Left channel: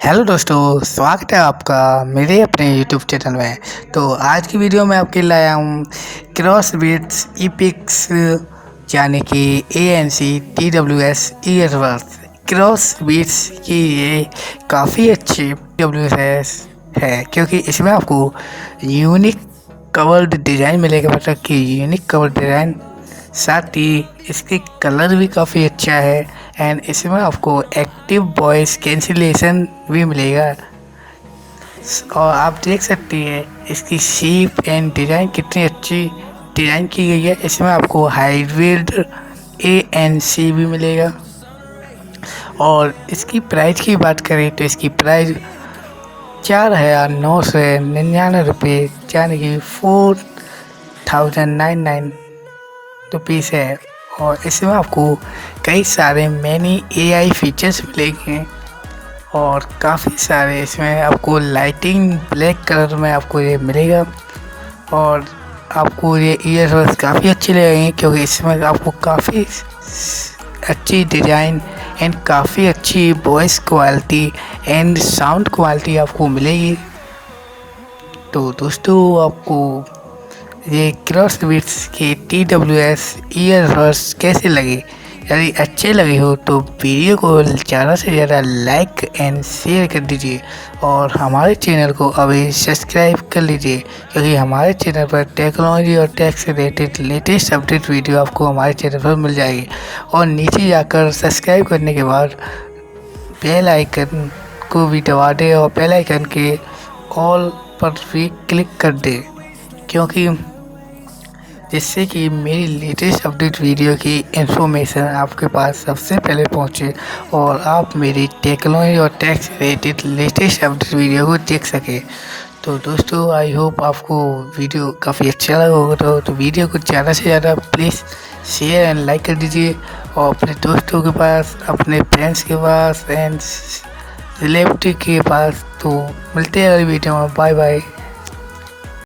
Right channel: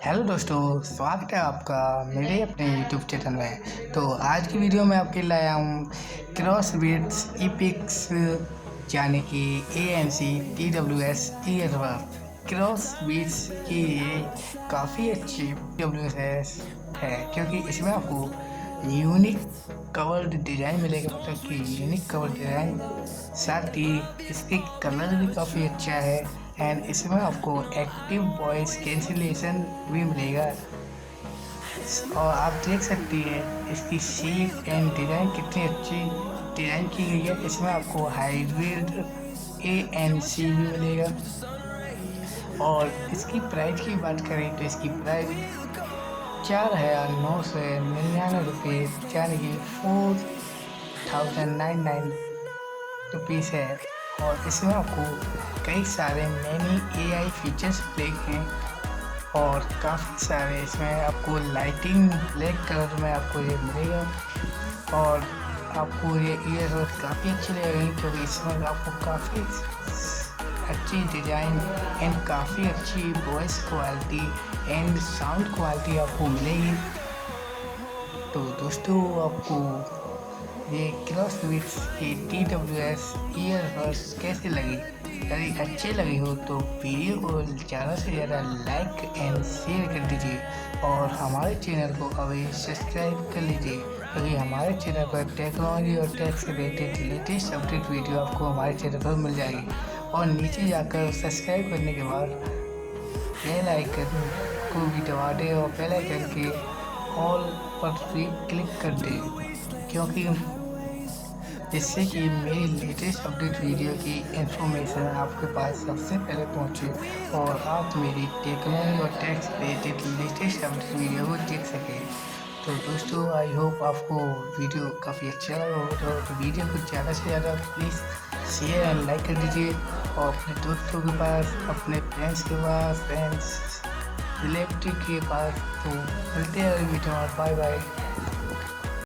Hello दोस्तों, स्वागत है आपका मेरे अपने यूट्यूब चैनल में। तो आज की वीडियो में आपके लाया हूँ क्रॉसबीट्स इपिक्स यानी कि ANCTWS ईयरबड्स। क्रॉसबीट्स की ये काफ़ी अच्छी TWS है क्योंकि इसमें आपको यूनिक कवर्ड डिज़ाइन मिलेगा, मतलब कि यूनिक कवर्ड डिज़ाइन, साथ ही इसके कलर भी काफ़ी अच्छा है एंड इसमें आपको एक्टिव वॉइस कैंसिलेशन भी मिलेगा। और आप देख सकती हैं इसकी शेप एंड डिज़ाइन कितनी अच्छी डिज़ाइन की गई है। इसमें आपको हाइब्रिड ANC भी मिलेगा। और इसकी प्राइस की बात करें तो इसकी प्राइस 4,999 रुपये यानी कि 4,999 रुपीज़ है। और इसमें आपको कई सारे मैनी AI फीचर्स मिलेंगे और काफ़ी सारे इसमें आपको लाइटिंग ब्लैक कलर में आपको ये मिलेगा। और आपको ये ईयरबड्स काफ़ी अच्छे लगेंगे क्योंकि इसमें आपको काफ़ी अच्छी डिज़ाइन एंड काफ़ी अच्छी voice quality and sound quality आपको मिलेगी। तो दोस्तों, आपको ये क्रॉसबीट्स के TWS ईयरबड्स कैसे लगे? यदि अच्छे लगे हो तो वीडियो को ज़्यादा से ज़्यादा लाइक एंड शेयर कर दीजिए और हमारे चैनल को अभी सब्सक्राइब कर लीजिए क्योंकि हमारे चैनल पर टेक्नोलॉजी और टेक से रिलेटेड लेटेस्ट अपडेट वीडियो आपको हमारे चैनल पर मिल जाएगी। और नीचे जाकर सब्सक्राइब करने के बाद बेल आइकन को भी दबा दें और बेल आइकन के ऑल पर भी क्लिक कर दें क्योंकि जिससे कि मेरी लेटेस्ट अपडेट वीडियो की इन्फॉर्मेशन आपके पास सबसे पहले पहुंचे और आप मेरी टेक्नोलॉजी और टेक से रिलेटेड लेटेस्ट अपडेट वीडियो को देख सकें। तो दोस्तों, आई होप आपको वीडियो काफ़ी अच्छा लगा होगा। तो वीडियो को ज़्यादा से ज़्यादा प्लीज़ शेयर एंड लाइक कर दीजिए और अपने दोस्तों के पास, अपने फ्रेंड्स के पास एंड रिलेटिव के पास। तो मिलते हैं अगली वीडियो में। Bye bye.